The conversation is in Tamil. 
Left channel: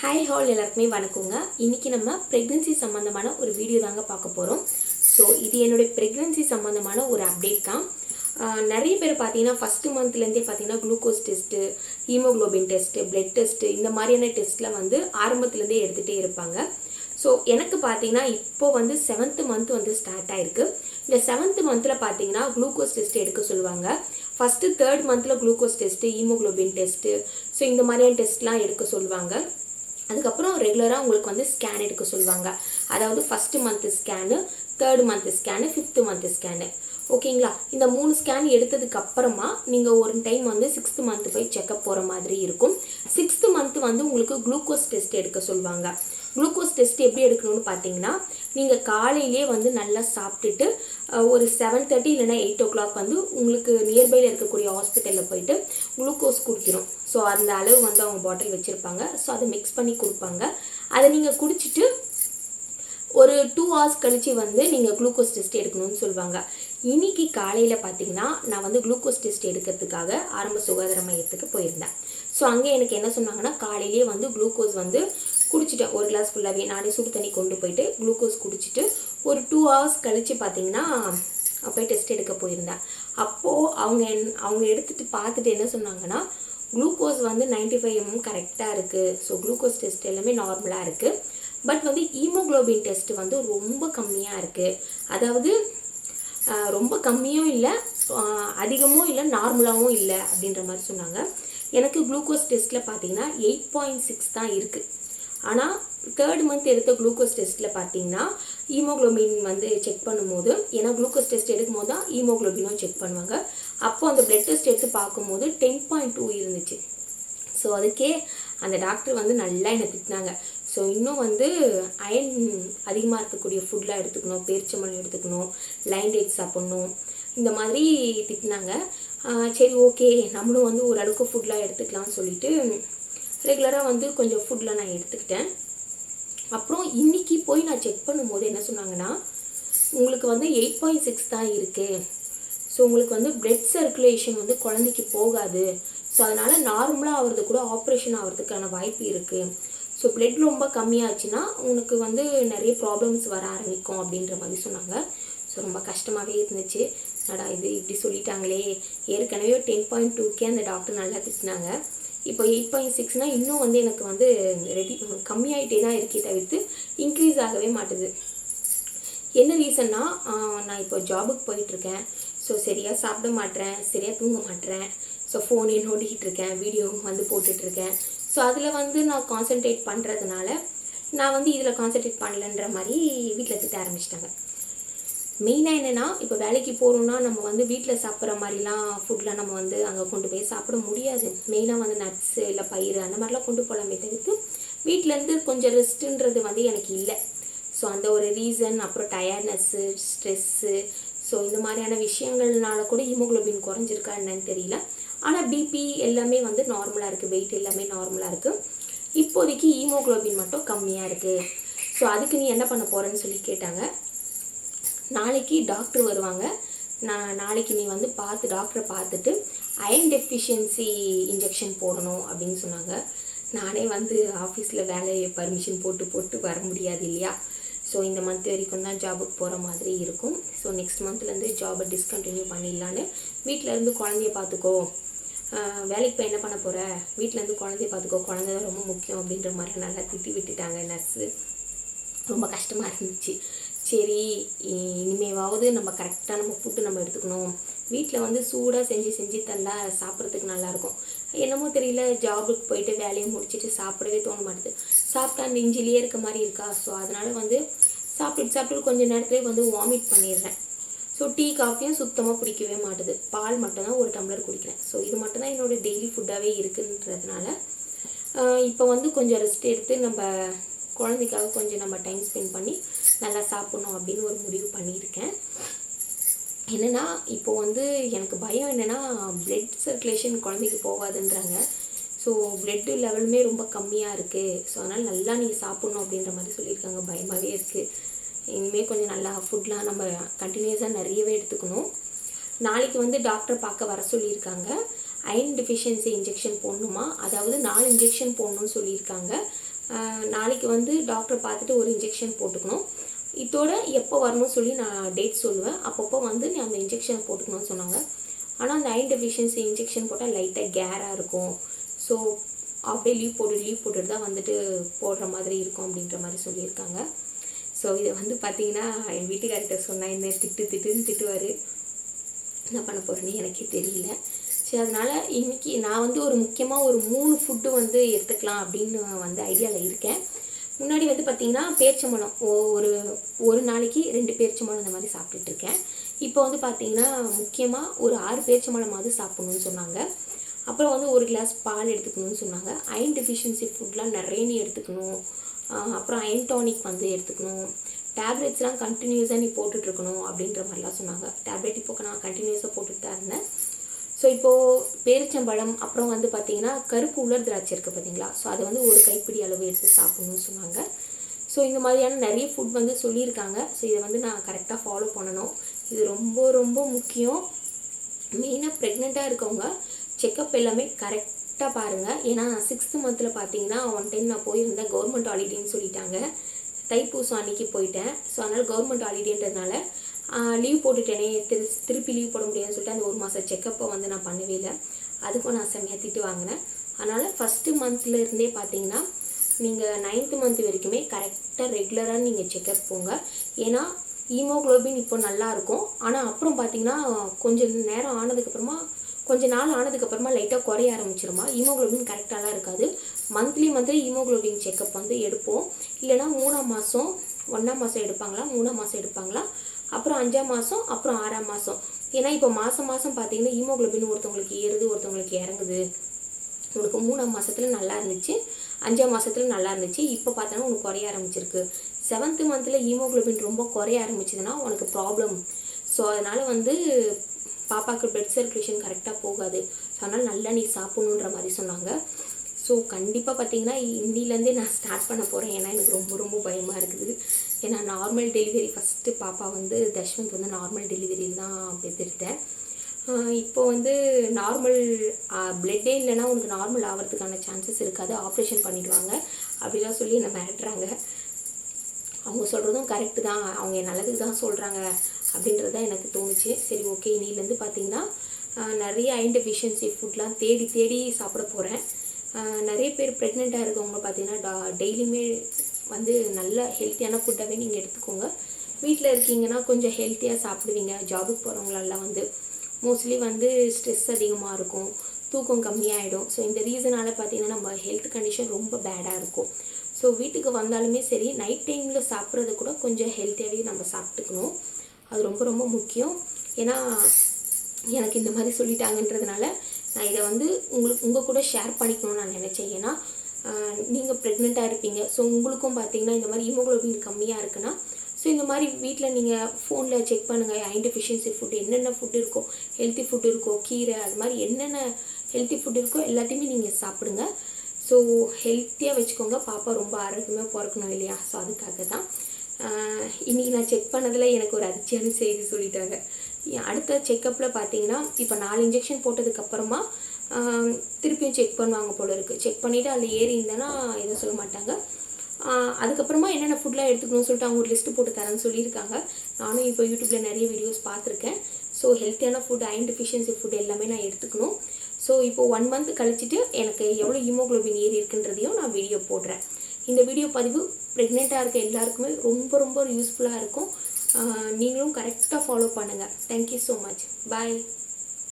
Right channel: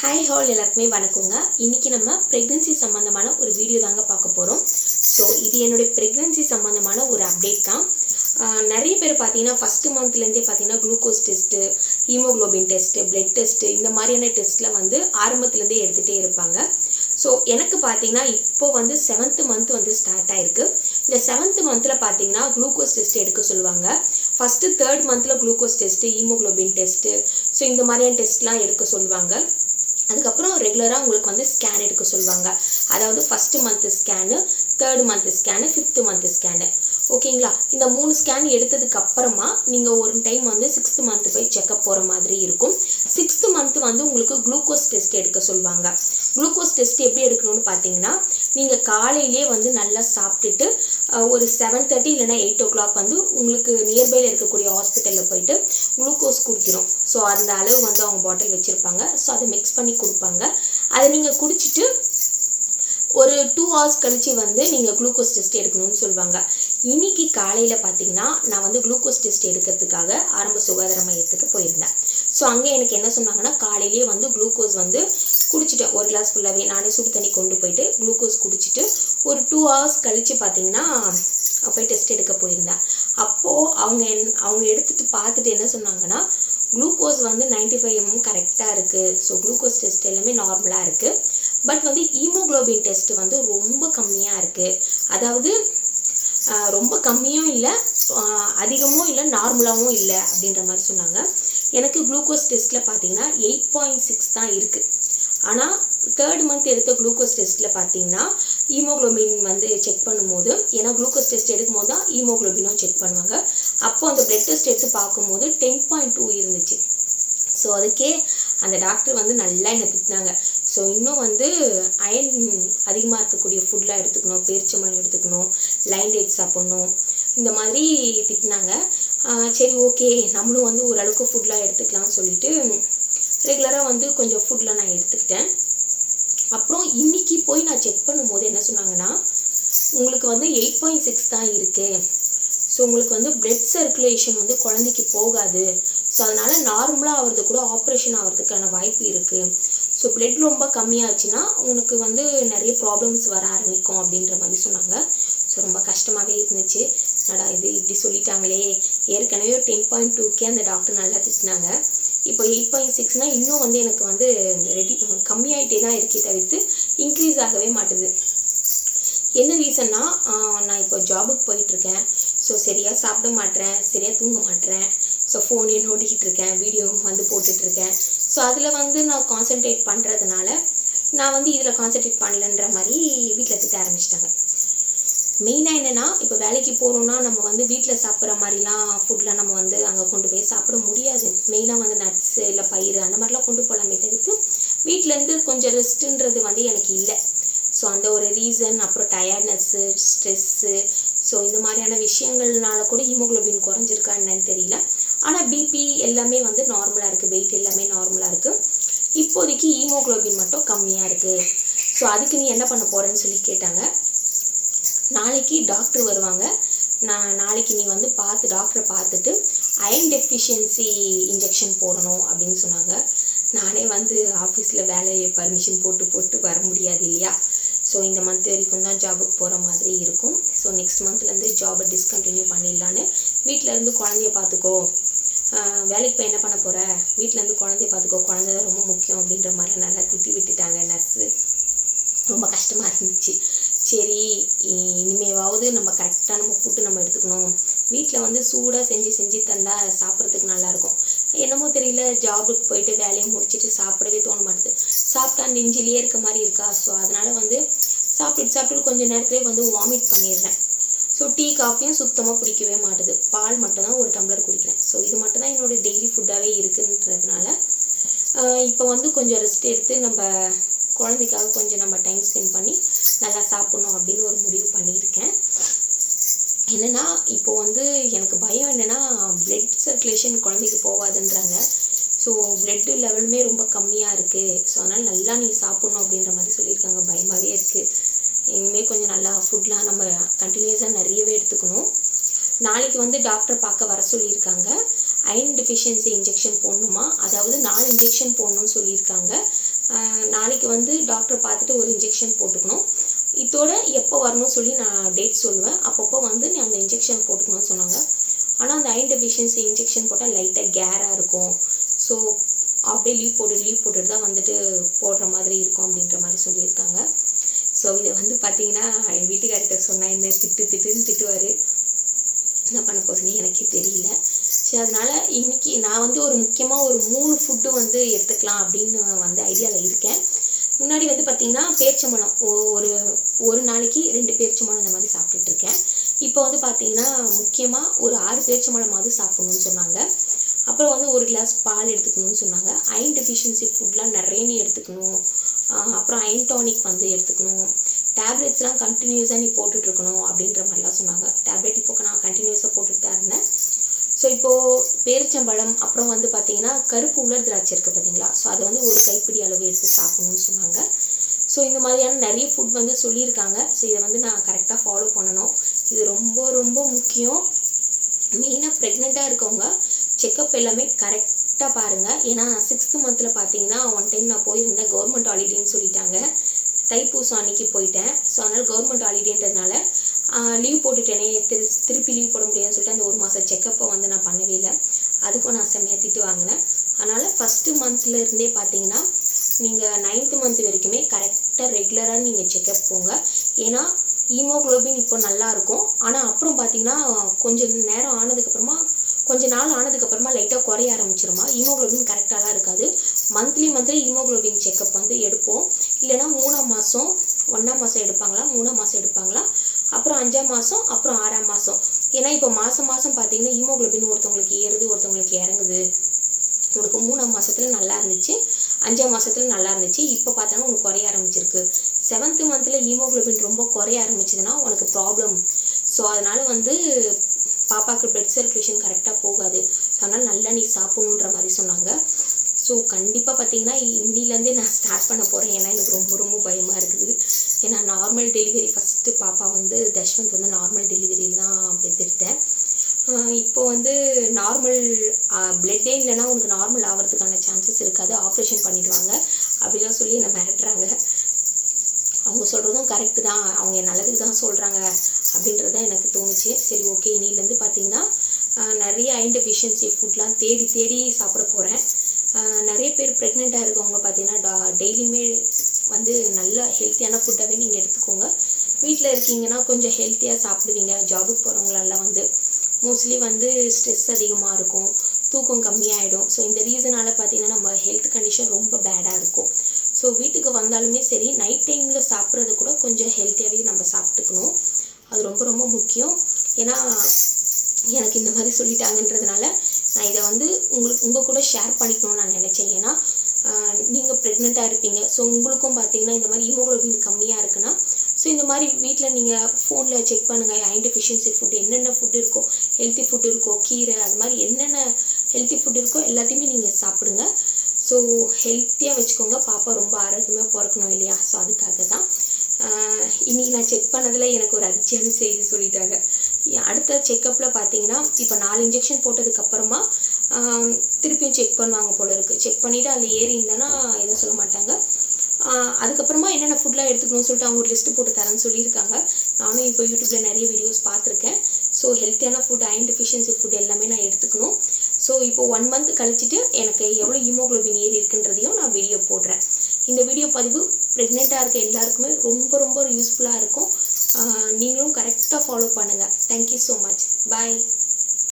ஹாய் ஹால் எல்லாருக்குமே வணக்கங்க. இன்றைக்கி நம்ம ப்ரெக்னென்சி சம்மந்தமான ஒரு வீடியோ தாங்க பார்க்க போகிறோம் ஸோ இது என்னுடைய ப்ரெக்னென்சி சம்மந்தமான ஒரு அப்டேட் தான். நிறைய பேர் பார்த்தீங்கன்னா ஃபஸ்ட்டு மந்த்லேருந்தே பார்த்தீங்கன்னா glucose test haemoglobin test blood test இந்த மாதிரியான டெஸ்ட்டில் வந்து ஆரம்பத்துலேருந்தே எடுத்துகிட்டே இருப்பாங்க. ஸோ எனக்கு பார்த்தீங்கன்னா இப்போ வந்து செவன்த்து மந்த் வந்து ஸ்டார்ட் ஆகிருக்கு இந்த செவன்த்து மந்தில் பார்த்தீங்கன்னா குளுக்கோஸ் டெஸ்ட் எடுக்க சொல்லுவாங்க. ஃபஸ்ட்டு தேர்ட் மந்தில் glucose test haemoglobin test so இந்த மாதிரியான டெஸ்ட்லாம் எடுக்க சொல்லுவாங்க. அதுக்கப்புறம் ரெகுலராக உங்களுக்கு வந்து ஸ்கேன் எடுக்க சொல்லுவாங்க. அதாவது first month scan third month scan fifth month scan ஓகேங்களா இந்த மூணு ஸ்கேன் எடுத்ததுக்கு அப்புறமா நீங்கள் ஒரு டைம் வந்து சிக்ஸ்த்து மந்த் போய் செக்கப் போகிற மாதிரி இருக்கும். சிக்ஸ்த்து மந்த் வந்து உங்களுக்கு குளுக்கோஸ் டெஸ்ட் எடுக்க சொல்லுவாங்க. குளுக்கோஸ் டெஸ்ட் எப்படி எடுக்கணும்னு பார்த்தீங்கன்னா நீங்கள் காலையிலே வந்து நல்லா சாப்பிட்டுட்டு ஒரு செவன் தேர்ட்டி இல்லைன்னா எயிட் ஓ கிளாக் வந்து உங்களுக்கு நியர்பையில் இருக்கக்கூடிய ஹாஸ்பிட்டலில் போயிட்டு குளுக்கோஸ் குடிக்கிறோம். ஸோ அந்த அளவு வந்து அவங்க பாட்டில் வச்சுருப்பாங்க. ஸோ அதை மிக்ஸ் பண்ணி கொடுப்பாங்க. அதை நீங்கள் குடிச்சிட்டு ஒரு டூ ஹவர்ஸ் கழித்து வந்து நீங்கள் குளுக்கோஸ் டெஸ்ட் எடுக்கணும்னு சொல்லுவாங்க. இன்னைக்கு காலையில் பார்த்தீங்கன்னா நான் வந்து குளுக்கோஸ் டெஸ்ட் எடுக்கிறதுக்காக ஆரம்ப சுகாதார மையத்துக்கு போயிருந்தேன். ஸோ அங்கே எனக்கு என்ன சொன்னாங்கன்னா காலையிலேயே வந்து குளுக்கோஸ் வந்து குடிச்சிட்டேன் ஒரு கிளாஸ் ஃபுல்லாகவே நானே சுடு தண்ணி கொண்டு போயிட்டு குளுக்கோஸ் குடிச்சிட்டு ஒரு டூ ஹவர்ஸ் கழித்து பார்த்தீங்கன்னா போய் டெஸ்ட் எடுக்க போயிருந்தேன். அப்போது அவங்க என் அவங்க எடுத்துகிட்டு பார்த்துட்டு என்ன சொன்னாங்கன்னா குளுக்கோஸ் வந்து 95 ஃபைவ் எம்எம் கரெக்டாக இருக்குது ஸோ குளுக்கோஸ் டெஸ்ட் எல்லாமே நார்மலாக இருக்குது பட் வந்து ஹீமோகுளோபின் டெஸ்ட் வந்து ரொம்ப கம்மியாக இருக்குது அதாவது ரொம்ப கம்மியும் இல்லை அதிகமும் இல்லை நார்மலாகவும் இல்லை அப்படின்ற மாதிரி சொன்னாங்க. எனக்கு குளுக்கோஸ் டெஸ்ட்டில் பார்த்தீங்கன்னா எயிட் பாயிண்ட் சிக்ஸ் தான் இருக்குது ஆனால் தேர்ட் மந்த் எடுத்த குளுக்கோஸ் டெஸ்ட்டில் பார்த்தீங்கன்னா ஹீமோகுளோபின் வந்து செக் பண்ணும்போது ஏன்னா குளுக்கோஸ் டெஸ்ட் எடுக்கும் போது தான் ஹீமோகுளோபினும் செக் பண்ணுவாங்க. அப்போ அந்த பிளட் டெஸ்ட் எடுத்து பார்க்கும்போது டென் பாயிண்ட் டூ இருந்துச்சு. ஸோ அதுக்கே அந்த டாக்டர் வந்து நல்லா என்னை திட்டினாங்க. ஸோ இன்னும் வந்து அயன் அதிகமாக இருக்கக்கூடிய ஃபுட்லாம் எடுத்துக்கணும் பேரிச்சம்பழம் எடுத்துக்கணும் லைன் டேட் சாப்பிட்ணும் இந்த மாதிரி திட்டினாங்க. சரி ஓகே நம்மளும் வந்து ஓரளவுக்கு ஃபுட்லாம் எடுத்துக்கலாம்னு சொல்லிட்டு ரெகுலராக வந்து கொஞ்சம் ஃபுட்லாம் நான் எடுத்துக்கிட்டேன். அப்புறம் இன்னைக்கு போய் நான் செக் பண்ணும்போது என்ன சொன்னாங்கன்னா உங்களுக்கு வந்து எயிட் பாயிண்ட் சிக்ஸ் தான் இருக்குது ஸோ உங்களுக்கு வந்து பிளட் சர்க்குலேஷன் வந்து குழந்தைக்கு போகாது. ஸோ அதனால் நார்மலாக ஆகிறது கூட ஆப்ரேஷன் ஆகிறதுக்கான வாய்ப்பு இருக்குது ஸோ பிளட் ரொம்ப கம்மியாச்சுன்னா உனக்கு வந்து நிறைய ப்ராப்ளம்ஸ் வர ஆரம்பிக்கும் அப்படின்ற மாதிரி சொன்னாங்க. ஸோ ரொம்ப கஷ்டமாகவே இருந்துச்சு. நடா இது இப்படி சொல்லிட்டாங்களே. ஏற்கனவே டென் பாயிண்ட் டூக்கே அந்த டாக்டர் நல்லா திட்டினாங்க. இப்போ எயிட் பாயிண்ட் சிக்ஸ்னால் இன்னும் வந்து எனக்கு வந்து ரெடி கம்மியாயிட்டே தான் இருக்கே தவிர்த்து இன்க்ரீஸ் ஆகவே மாட்டுது. என்ன ரீசன்னா நான் இப்போ ஜாபுக்கு போயிட்டுருக்கேன். ஸோ சரியாக சாப்பிட மாட்டேறேன் சரியாக தூங்க மாட்டேறேன். ஸோ ஃபோனே நோண்டிக்கிட்டு இருக்கேன் வீடியோவும் வந்து போட்டுட்ருக்கேன் ஸோ அதில் வந்து நான் கான்சென்ட்ரேட் பண்ணுறதுனால நான் வந்து இதில் கான்சென்ட்ரேட் பண்ணலன்ற மாதிரி வீட்டில் திட்ட ஆரம்பிச்சிட்டாங்க. மெயினாக என்னென்னா இப்போ வேலைக்கு போகிறோம்னா நம்ம வந்து வீட்டில் சாப்பிட்ற மாதிரிலாம் ஃபுட்லாம் நம்ம வந்து அங்கே கொண்டு போய் சாப்பிட முடியாது. மெயினாக வந்து நட்ஸு இல்லை பயிர் அந்த மாதிரிலாம் கொண்டு போகலாமே தவிர்த்து வீட்டிலேருந்து கொஞ்சம் ரெஸ்ட்டுன்றது வந்து எனக்கு இல்லை. ஸோ அந்த ஒரு ரீசன் அப்புறம் டயர்ட்னஸ்ஸு ஸ்ட்ரெஸ்ஸு ஸோ இந்த மாதிரியான விஷயங்கள்னால கூட ஹீமோகுளோபின் குறைஞ்சிருக்கா என்னன்னு தெரியல. ஆனால் பிபி எல்லாமே வந்து நார்மலாக இருக்குது வெயிட் எல்லாமே நார்மலாக இருக்குது இப்போதைக்கு ஹீமோகுளோபின் மட்டும் கம்மியாக இருக்குது ஸோ அதுக்கு நீ என்ன பண்ண போகிறேன்னு சொல்லி கேட்டாங்க. நாளைக்கு டாக்டர் வருவாங்க. நான் நாளைக்கு நீ வந்து பார்த்து டாக்டரை பார்த்துட்டு அயன் டெஃபிஷியன்சி இன்ஜெக்ஷன் போடணும் அப்படின்னு சொன்னாங்க. நானே வந்து ஆஃபீஸில் வேலையை பர்மிஷன் போட்டு போட்டு வர முடியாது இல்லையா? ஸோ இந்த மந்த் வரைக்கும் தான் ஜாபுக்கு போகிற மாதிரி இருக்கும். ஸோ நெக்ஸ்ட் மந்த்லேருந்து ஜாபை டிஸ்கண்டினியூ பண்ணிடலான்னு. வீட்டில் இருந்து குழந்தைய பார்த்துக்கோ. வேலைக்கு போய் என்ன பண்ண போகிற வீட்டிலேருந்து குழந்தைய பார்த்துக்கோ. குழந்தை தான் ரொம்ப முக்கியம் அப்படின்ற மாதிரி நல்லா திட்டி விட்டுட்டாங்க நர்ஸு ரொம்ப கஷ்டமாக இருந்துச்சு. சரி இ- இனிமேவாவது நம்ம கரெக்டாக நம்ம ஃபுட்டு நம்ம எடுத்துக்கணும். வீட்டில் வந்து சூடாக செஞ்சு செஞ்சு தந்தால் சாப்பிட்றதுக்கு நல்லாயிருக்கும். என்னமோ தெரியல ஜாபுக்கு போயிட்டு வேலையை முடிச்சுட்டு சாப்பிடவே தோண மாட்டுது. சாப்பிட்டா நெஞ்சிலேயே இருக்க மாதிரி இருக்கா? ஸோ அதனால் வந்து சாப்பிட்டு சாப்பிட்டு கொஞ்சம் நேரத்துலேயே வந்து வாமிட் பண்ணிடுறேன். ஸோ டீ காஃபியும் சுத்தமாக பிடிக்கவே மாட்டுது. பால் மட்டும்தான் ஒரு டம்ளர் குடிக்கிறேன். ஸோ இது மட்டும்தான் என்னோட டெய்லி ஃபுட்டாகவே இருக்குன்றதுனால இப்போ வந்து கொஞ்சம் ரெஸ்ட் எடுத்து நம்ம குழந்தைக்காக கொஞ்சம் நம்ம டைம் ஸ்பெண்ட் பண்ணி நல்லா சாப்பிட்ணும் அப்படின்னு ஒரு முடிவு பண்ணியிருக்கேன். என்னென்னா இப்போ வந்து எனக்கு பயம் என்னென்னா பிளட் சர்க்குலேஷன் குழந்தைக்கு போகாதுன்றாங்க. ஸோ பிளட்டு லெவலுமே ரொம்ப கம்மியாக இருக்குது ஸோ அதனால் நல்லா நீங்கள் சாப்பிட்ணும் அப்படின்ற மாதிரி சொல்லியிருக்காங்க. பயமாகவே இருக்குது இனிமேல் கொஞ்சம் நல்லா ஃபுட்லாம் நம்ம கண்டினியூஸாக நிறையவே எடுத்துக்கணும். நாளைக்கு வந்து டாக்டர் பார்க்க வர சொல்லியிருக்காங்க. அயன் டிஃபிஷியன்சி இன்ஜெக்ஷன் போடணுமா? அதாவது நாலு இன்ஜெக்ஷன் போடணும்னு சொல்லியிருக்காங்க. நாளைக்கு வந்து டாக்டர் பார்த்துட்டு ஒரு இன்ஜெக்ஷன் போட்டுக்கணும். இதோட எப்போ வரணும்னு சொல்லி நான் டேட் சொல்லுவேன். அப்பப்போ வந்து நீ அந்த இன்ஜெக்ஷன் போட்டுக்கணும்னு சொன்னாங்க. ஆனால் அந்த அயன் டெஃபிஷியன்சி இன்ஜெக்ஷன் போட்டால் லைட்டாக கேராக இருக்கும். ஸோ அப்படியே லீவ் போட்டு லீவ் போட்டுட்டு தான் வந்துட்டு போடுற மாதிரி இருக்கும் அப்படின்ற மாதிரி சொல்லியிருக்காங்க. ஸோ இதை வந்து பார்த்தீங்கன்னா என் வீட்டுக்கார்கிட்ட சொன்னேன் இந்த திட்டு திட்டுன்னு திட்டுவார். என்ன பண்ண போகிறேன்னு எனக்கே தெரியல. சரி அதனால் இன்னைக்கு நான் வந்து ஒரு முக்கியமாக ஒரு மூணு ஃபுட்டு வந்து எடுத்துக்கலாம் அப்படின்னு வந்து ஐடியாவில் இருக்கேன். முன்னாடி வந்து பார்த்தீங்கன்னா பேரிச்சம்பழம் ஒரு ஒரு நாளைக்கு ரெண்டு பேரிச்சம்பழம் இந்த மாதிரி சாப்பிட்டுட்டு இருக்கேன். இப்போ வந்து பார்த்தீங்கன்னா முக்கியமாக ஒரு ஆறு பேரிச்சம்பழமாவது சாப்பிட்ணுன்னு சொன்னாங்க. அப்புறம் வந்து ஒரு கிளாஸ் பால் எடுத்துக்கணும்னு சொன்னாங்க. அயன் டெஃபிஷியன்சி ஃபுட்லாம் நிறைய நீ எடுத்துக்கணும். அப்புறம் அயன் டானிக் வந்து எடுத்துக்கணும். டேப்லெட்ஸ்லாம் கண்டினியூஸாக நீ போட்டுட்ருக்கணும் அப்படின்ற மாதிரிலாம் சொன்னாங்க. டேப்லெட் இப்போ நான் கண்டினியூஸாக போட்டுட்டு தான் இருந்தேன். ஸோ இப்போது பேரிச்சம்பழம் அப்புறம் வந்து பார்த்தீங்கன்னா கருப்பு உலர் திராட்சை இருக்குது பார்த்தீங்களா ஸோ அதை வந்து ஒரு கைப்பிடி அளவு எடுத்து சாப்பிடணும்னு சொன்னாங்க. ஸோ இந்த மாதிரியான நிறைய ஃபுட் வந்து சொல்லியிருக்காங்க. ஸோ இதை வந்து நான் கரெக்டாக ஃபாலோ பண்ணணும். இது ரொம்ப ரொம்ப முக்கியம். மெயினாக ப்ரெக்னெண்ட்டாக இருக்கவங்க செக்கப் எல்லாமே கரெக்டாக பாருங்கள் ஏன்னா சிக்ஸ்த்து மந்தில் பார்த்தீங்கன்னா ஒன் டைம் நான் போயிருந்தேன். கவர்மெண்ட் ஹாலிடேன்னு சொல்லிட்டாங்க. தைப்பூசம் அன்னைக்கு போயிட்டேன். ஸோ அதனால் கவர்மெண்ட் ஹாலிடேன்றதுனால லீவ் போட்டுட்டேனே. திரு திருப்பி லீவ் போட முடியாதுன்னு சொல்லிட்டு அந்த ஒரு மாதம் செக்கப்பை வந்து நான் பண்ணவே இல்லை. அதுக்கும் நான் செம்மையாக திட்டு வாங்கினேன். அதனால் ஃபஸ்ட்டு மந்த்தில் இருந்தே பார்த்தீங்கன்னா நீங்கள் நைன்த்து மந்த் வரைக்குமே கரெக்டாக ரெகுலராக நீங்கள் செக்கப் போங்க. ஏன்னா ஹீமோகுளோபின் இப்போ நல்லா இருக்கும். ஆனால் அப்புறம் பார்த்தீங்கன்னா கொஞ்சம் நேரம் ஆனதுக்கப்புறமா கொஞ்ச நாள் ஆனதுக்கப்புறமா லைட்டாக குறைய ஆரம்பிச்சிருமா? ஹீமோக்ளோபின் கரெக்டாலாம் இருக்காது. மந்த்லி மந்த்லி ஹீமோகுளோபின் செக்கப் வந்து எடுப்போம். இல்லைன்னா மூணாம் மாதம் ஒன்றாம் மாதம் எடுப்பாங்களா? மூணாம் மாதம் எடுப்பாங்களா? அப்புறம் அஞ்சாம் மாதம் அப்புறம் ஆறாம் மாதம் ஏன்னா இப்போ மாதம் மாதம் பார்த்தீங்கன்னா ஹீமோக்ளோபின் ஒருத்தவங்களுக்கு ஏறுது ஒருத்தவங்களுக்கு இறங்குது. உனக்கு மூணாம் மாதத்தில் நல்லா இருந்துச்சு அஞ்சாம் மாதத்தில் நல்லா இருந்துச்சு இப்போ பார்த்தோன்னா உனக்கு குறைய ஆரம்பிச்சிருக்கு. செவன்த்து மந்த்தில் ஹீமோக்ளோபின் ரொம்ப குறைய ஆரம்பிச்சதுன்னா உனக்கு ப்ராப்ளம் ஸோ அதனால் வந்து பாப்பாவுக்கு பிளட் சர்க்குலேஷன் கரெக்டாக போகாது. ஸோ அதனால் நல்லா நீ சாப்பிட்ணுன்ற மாதிரி சொன்னாங்க. ஸோ கண்டிப்பாக பார்த்தீங்கன்னா இன்னிலேருந்தே நான் ஸ்டார்ட் பண்ண போகிறேன் ஏன்னா எனக்கு ரொம்ப ரொம்ப பயமாக இருக்குது. ஏன்னா நார்மல் டெலிவரி ஃபஸ்ட்டு பாப்பா வந்து தஷ்வந்த் வந்து நார்மல் டெலிவரியில் தான் பெற்றெடுத்தேன் இப்போ வந்து நார்மல் பிளட்டே இல்லைன்னா உனக்கு நார்மல் ஆகிறதுக்கான சான்சஸ் இருக்காது. ஆப்ரேஷன் பண்ணிடுவாங்க. அப்படிலாம் சொல்லி என்னை மிரட்டுறாங்க. அவங்க சொல்கிறதும் கரெக்டு தான். அவங்க என் நல்லதுக்கு தான் சொல்கிறாங்க அப்படின்றத எனக்கு தோணுச்சு. சரி ஓகே இனிலேருந்து பார்த்தீங்கன்னா நிறைய அயன் ஃபுட்லாம் தேடி தேடி சாப்பிட போகிறேன் நிறைய பேர் ப்ரெக்னெண்ட்டாக இருக்கவங்க பார்த்தீங்கன்னா டா டெய்லியுமே வந்து நல்ல ஹெல்த்தியான ஃபுட்டாகவே நீங்கள் எடுத்துக்கோங்க. வீட்டில் இருக்கீங்கன்னா கொஞ்சம் ஹெல்த்தியாக சாப்பிடுவீங்க. ஜாபுக்கு போகிறவங்களெல்லாம் வந்து மோஸ்ட்லி வந்து ஸ்ட்ரெஸ் அதிகமாக இருக்கும். தூக்கம் கம்மியாயிடும். ஸோ இந்த ரீசனால் பார்த்தீங்கன்னா நம்ம ஹெல்த் கண்டிஷன் ரொம்ப பேடாக இருக்கும். ஸோ வீட்டுக்கு வந்தாலுமே சரி நைட் டைமில் சாப்பிட்றது கூட கொஞ்சம் ஹெல்த்தியாகவே நம்ம சாப்பிட்டுக்கணும். அது ரொம்ப ரொம்ப முக்கியம். ஏன்னா எனக்கு இந்த மாதிரி சொல்லிட்டாங்கன்றதுனால நான் இதை வந்து உங்களுக்கு உங்கள் கூட ஷேர் பண்ணிக்கணும்னு நான் நினச்சேன். ஏன்னா நீங்கள் ப்ரெக்னெண்ட்டாக இருப்பீங்க. ஸோ உங்களுக்கும் பார்த்தீங்கன்னா இந்த மாதிரி ஹீமோக்ளோபின் கம்மியாக இருக்குன்னா ஸோ இந்த மாதிரி வீட்டில் நீங்கள் ஃபோனில் செக் பண்ணுங்கள் அயன் டெஃபிஷியன்சி ஃபுட் என்னென்ன ஃபுட் இருக்கோ ஹெல்த்தி ஃபுட் இருக்கோ கீரை அது மாதிரி என்னென்ன ஹெல்த்தி ஃபுட் இருக்கோ எல்லாத்தையுமே நீங்கள் சாப்பிடுங்க. ஸோ ஹெல்த்தியாக வச்சுக்கோங்க. பாப்பா ரொம்ப ஆரோக்கியமாக பிறக்கணும் இல்லையா? ஸோ அதுக்காக தான் இன்றைக்கி இன்னைக்கு நான் செக் பண்ணதில் எனக்கு ஒரு அதிர்ச்சியான செய்தி சொல்லிட்டாங்க. அடுத்த செக்கப்பில் பார்த்தீங்கன்னா இப்போ நாலு இன்ஜெக்ஷன் போட்டதுக்கப்புறமா திருப்பியும் செக் பண்ணுவாங்க போல இருக்குது செக் பண்ணிவிட்டு அதில் ஏறி இருந்தேன்னா எதுவும் சொல்ல மாட்டாங்க. அதுக்கப்புறமா என்னென்ன ஃபுட்லாம் எடுத்துக்கணும்னு சொல்லிட்டு அவங்க ஒரு லிஸ்ட்டு போட்டு தரேன்னு சொல்லியிருக்காங்க. நானும் இப்போ யூடியூப்பில் நிறைய வீடியோஸ் பார்த்துருக்கேன். ஸோ ஹெல்த்தியான ஃபுட் அயன் டெஃபிஷியன்சி ஃபுட் எல்லாமே நான் எடுத்துக்கணும். ஸோ இப்போ ஒன் மந்த் கழிச்சிட்டு எனக்கு எவ்வளோ ஹீமோகுளோபின் ஏறி இருக்குன்றதையும் நான் வீடியோ போடுறேன். இந்த வீடியோ பதிவு ப்ரெக்னெண்ட்டாக இருக்க எல்லாருக்குமே ரொம்ப ரொம்ப யூஸ்ஃபுல்லாக இருக்கும். நீங்களும் கரெக்டாக ஃபாலோ பண்ணுங்கள் தேங்க்யூ ஸோ மச் பாய்